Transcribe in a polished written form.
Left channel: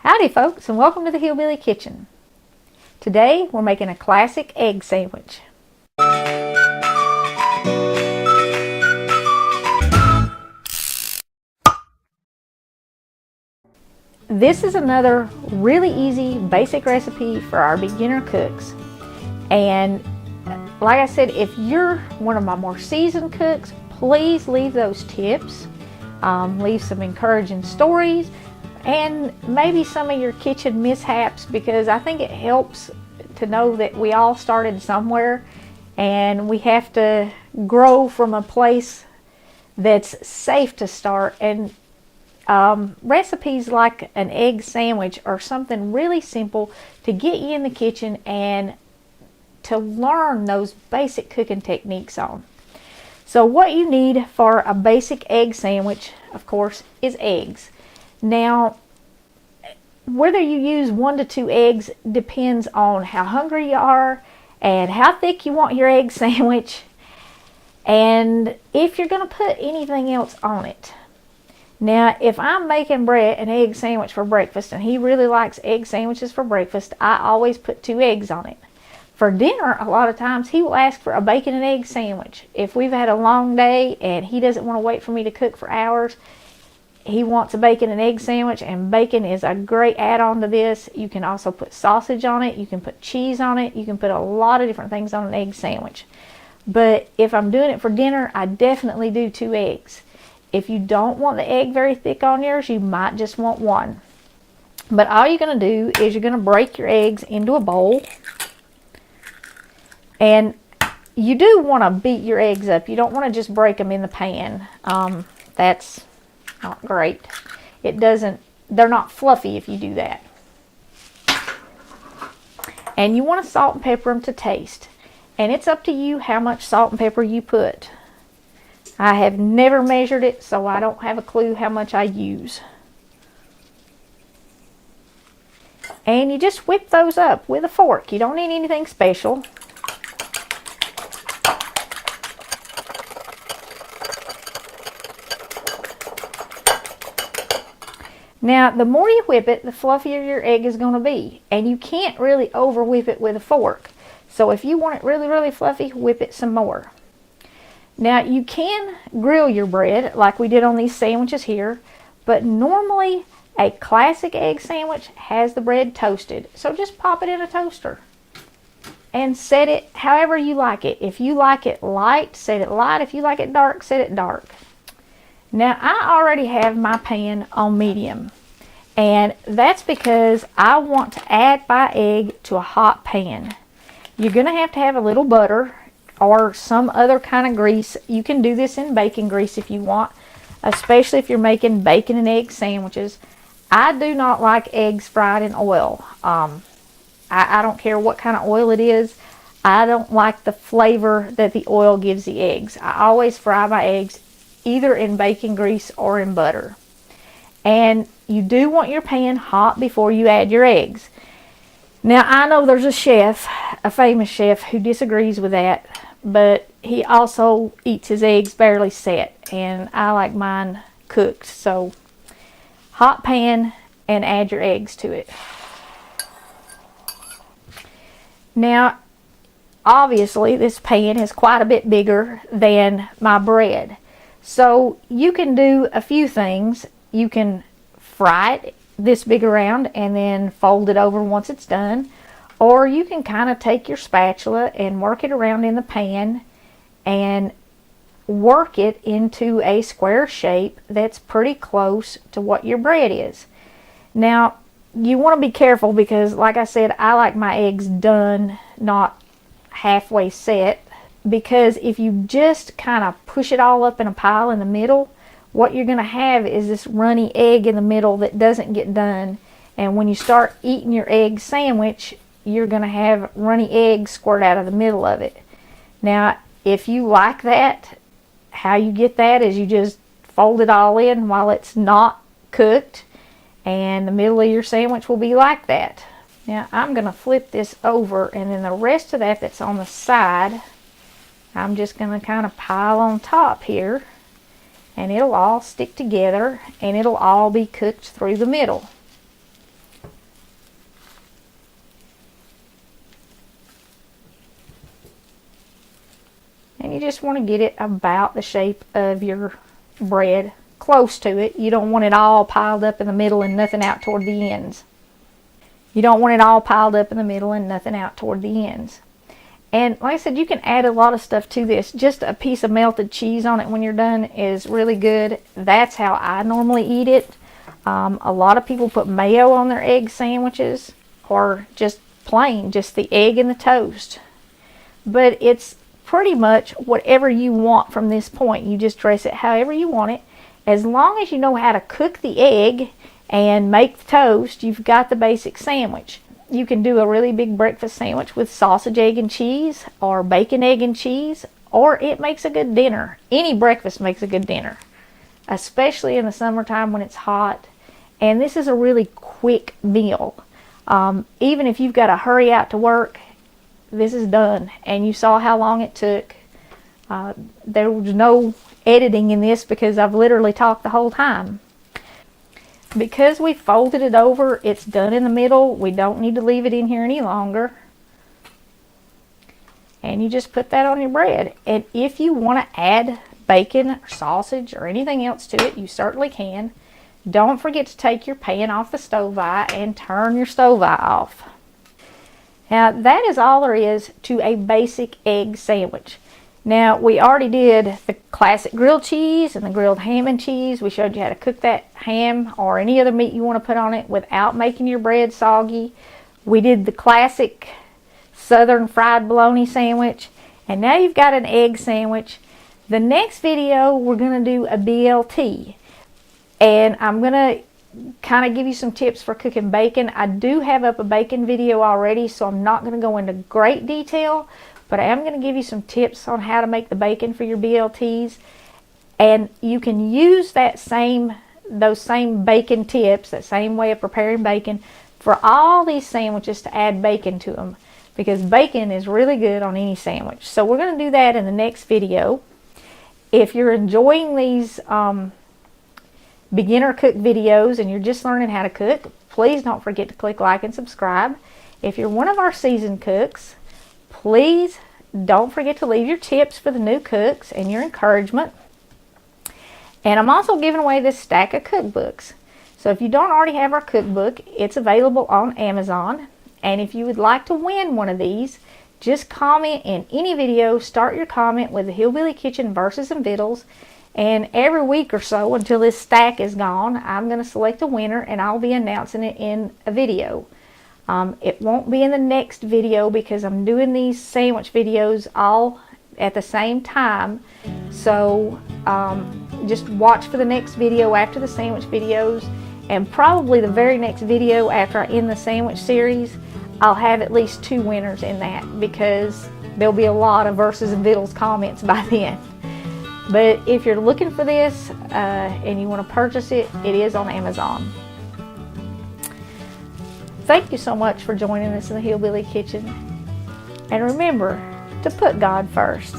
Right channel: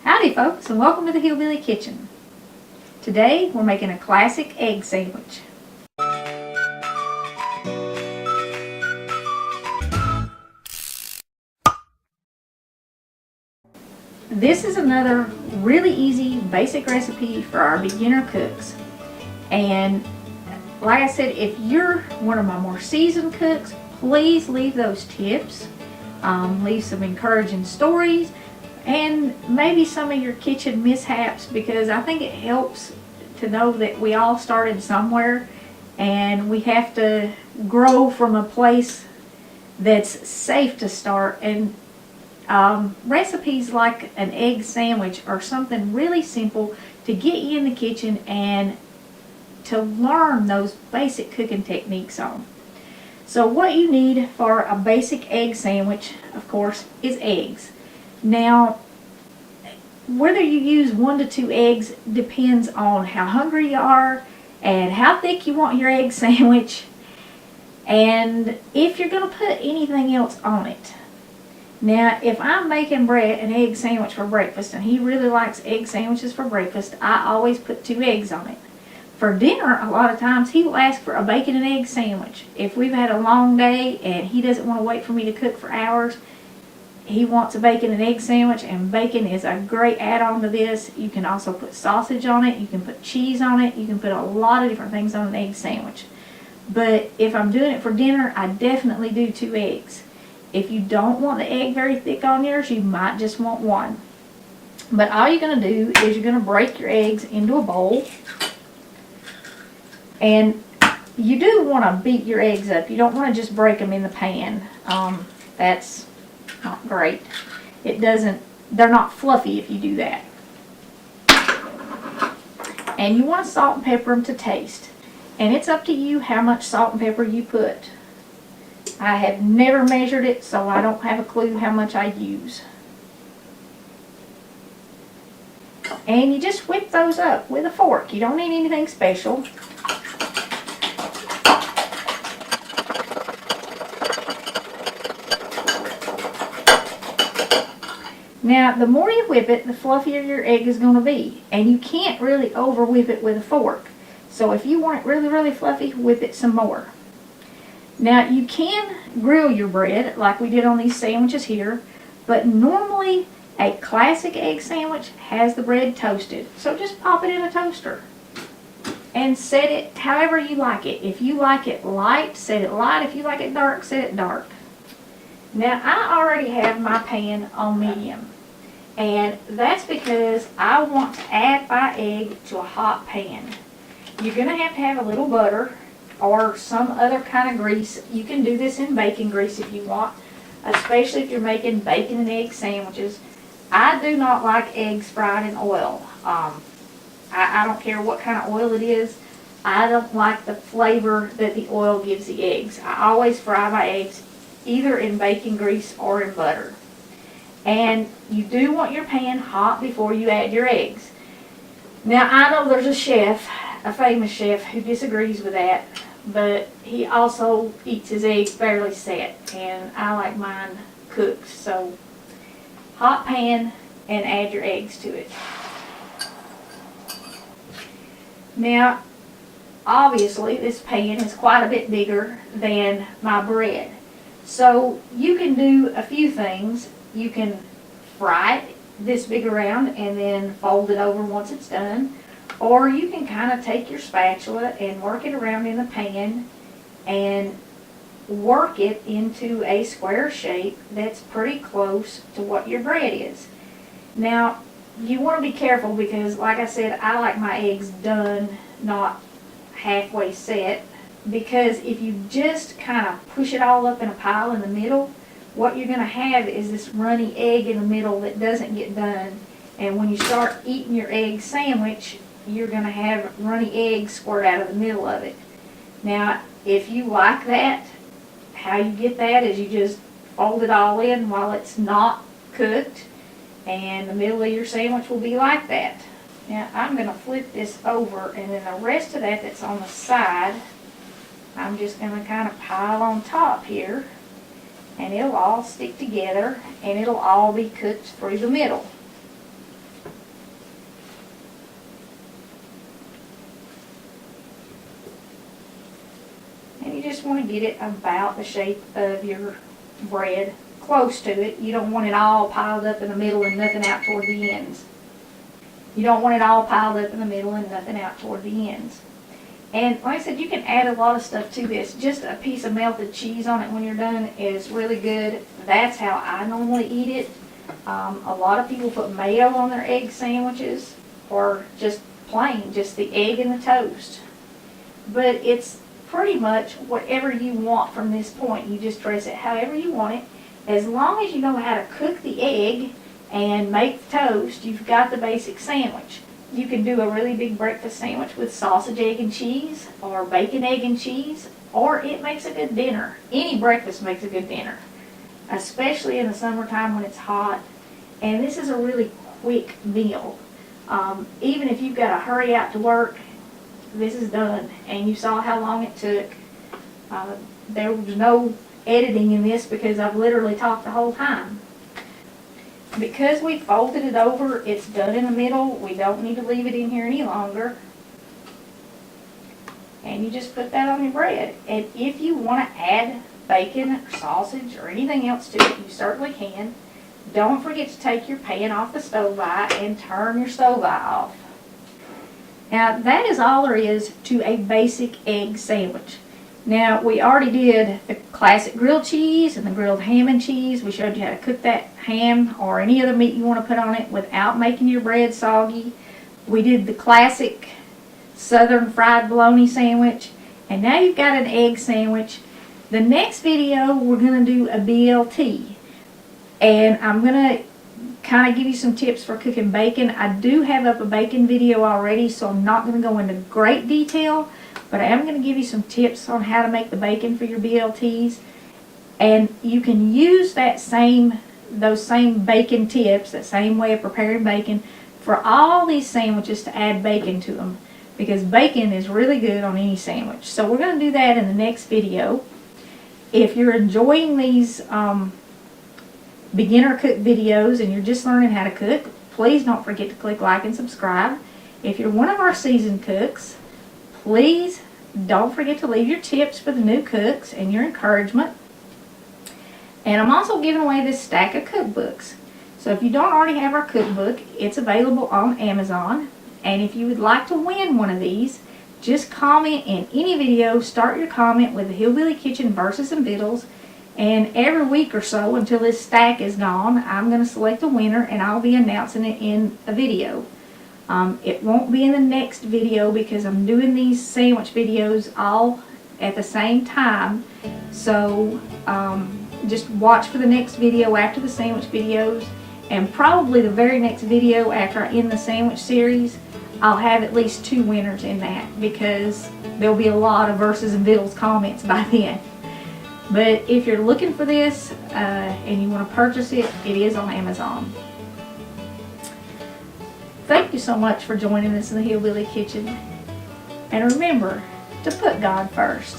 Howdy folks, and welcome to the Hillbilly Kitchen. Today we're making a classic egg sandwich. This is another really easy basic recipe for our beginner cooks. And like I said, if you're one of my more seasoned cooks, please leave those tips. Leave some encouraging stories and maybe some of your kitchen mishaps, because I think it helps to know that we all started somewhere and we have to grow from a place that's safe to start. And recipes like an egg sandwich are something really simple to get you in the kitchen and to learn those basic cooking techniques on. So what you need for a basic egg sandwich, of course, is eggs. Now, whether you use 1 to 2 eggs depends on how hungry you are and how thick you want your egg sandwich, and if you're going to put anything else on it. Now, if I'm making Brett an egg sandwich for breakfast, and he really likes egg sandwiches for breakfast, I always put 2 eggs on it. For dinner, a lot of times he will ask for a bacon and egg sandwich. If we've had a long day and he doesn't want to wait for me to cook for hours, he wants a bacon and egg sandwich, and bacon is a great add-on to this. You can also put sausage on it, you can put cheese on it, you can put a lot of different things on an egg sandwich. But if I'm doing it for dinner, I definitely do 2 eggs. If you don't want the egg very thick on yours, you might just want 1. But all you're going to do is you're going to break your eggs into a bowl. And you do want to beat your eggs up. You don't want to just break them in the pan. That's not great. They're not fluffy if you do that. And you want to salt and pepper them to taste. And it's up to you how much salt and pepper you put. I have never measured it, so I don't have a clue how much I use. And you just whip those up with a fork. You don't need anything special. Now, the more you whip it, the fluffier your egg is going to be. And you can't really over whip it with a fork. So if you want it really, really fluffy, whip it some more. Now, you can grill your bread like we did on these sandwiches here, but normally a classic egg sandwich has the bread toasted. So just pop it in a toaster and set it however you like it. If you like it light, set it light. If you like it dark, set it dark. Now, I already have my pan on medium, and that's because I want to add my egg to a hot pan. You're going to have a little butter or some other kind of grease. You can do this in bacon grease if you want, especially if you're making bacon and egg sandwiches. I do not like eggs fried in oil. I don't care what kind of oil it is. I don't like the flavor that the oil gives the eggs. I always fry my eggs either in bacon grease or in butter. And you do want your pan hot before you add your eggs. Now, I know there's a chef, a famous chef, who disagrees with that, but he also eats his eggs barely set, and I like mine cooked. So, hot pan and add your eggs to it. Now, obviously, this pan is quite a bit bigger than my bread. So you can do a few things. You can fry it this big around and then fold it over once it's done. Or you can kind of take your spatula and work it around in the pan and work it into a square shape that's pretty close to what your bread is. Now, you want to be careful because, like I said, I like my eggs done, not halfway set. Because if you just kind of push it all up in a pile in the middle, what you're going to have is this runny egg in the middle that doesn't get done. And when you start eating your egg sandwich, you're going to have runny eggs squirt out of the middle of it. Now, if you like that, how you get that is you just fold it all in while it's not cooked, and the middle of your sandwich will be like that. Now, I'm going to flip this over, and then the rest of that that's on the side, I'm just going to kind of pile on top here, and it'll all stick together and it'll all be cooked through the middle. just want to get it about the shape of your bread, close to it. You don't want it all piled up in the middle and nothing out toward the ends. You don't want it all piled up in the middle and nothing out toward the ends. And like I said, you can add a lot of stuff to this. Just a piece of melted cheese on it when you're done is really good. That's how I normally eat it. A lot of people put mayo on their egg sandwiches, or just plain, just the egg and the toast. But it's pretty much whatever you want from this point. You just dress it however you want it. As long as you know how to cook the egg and make the toast, you've got the basic sandwich. You can do a really big breakfast sandwich with sausage, egg, and cheese, or bacon, egg, and cheese, or it makes a good dinner. Any breakfast makes a good dinner, especially in the summertime when it's hot. And this is a really quick meal. Even if you've got to hurry out to work, this is done. And you saw how long it took. There was no editing in this because I've literally talked the whole time. Because we folded it over, it's done in the middle. We don't need to leave it in here any longer. And you just put that on your bread. And if you want to add bacon or sausage or anything else to it, you certainly can. Don't forget to take your pan off the stove eye and turn your stove eye off. Now that is all there is to a basic egg sandwich. Now we already did the classic grilled cheese and the grilled ham and cheese. We showed you how to cook that ham or any other meat you want to put on it without making your bread soggy. We did the classic southern fried bologna sandwich. And now you've got an egg sandwich. The next video we're going to do a BLT. And I'm going to kind of give you some tips for cooking bacon. I do have up a bacon video already, so I'm not going to go into great detail. But I am going to give you some tips on how to make the bacon for your BLTs. And you can use those same bacon tips, that same way of preparing bacon, for all these sandwiches to add bacon to them. Because bacon is really good on any sandwich. So we're going to do that in the next video. If you're enjoying these beginner cook videos and you're just learning how to cook, please don't forget to click like and subscribe. If you're one of our seasoned cooks, please don't forget to leave your tips for the new cooks and your encouragement. And I'm also giving away this stack of cookbooks. So if you don't already have our cookbook, it's available on Amazon. And if you would like to win one of these, just comment in any video. Start your comment with the Hillbilly Kitchen versus some Vittles. And every week or so, until this stack is gone, I'm going to select a winner and I'll be announcing it in a video. It won't be in the next video because I'm doing these sandwich videos all at the same time. So just watch for the next video after the sandwich videos, and probably the very next video after I end the sandwich series, I'll have at least 2 winners in that because there'll be a lot of versus and Vittles comments by then. But if you're looking for this and you want to purchase it, it is on Amazon. Thank you so much for joining us in the Hillbilly Kitchen. And remember to put God first.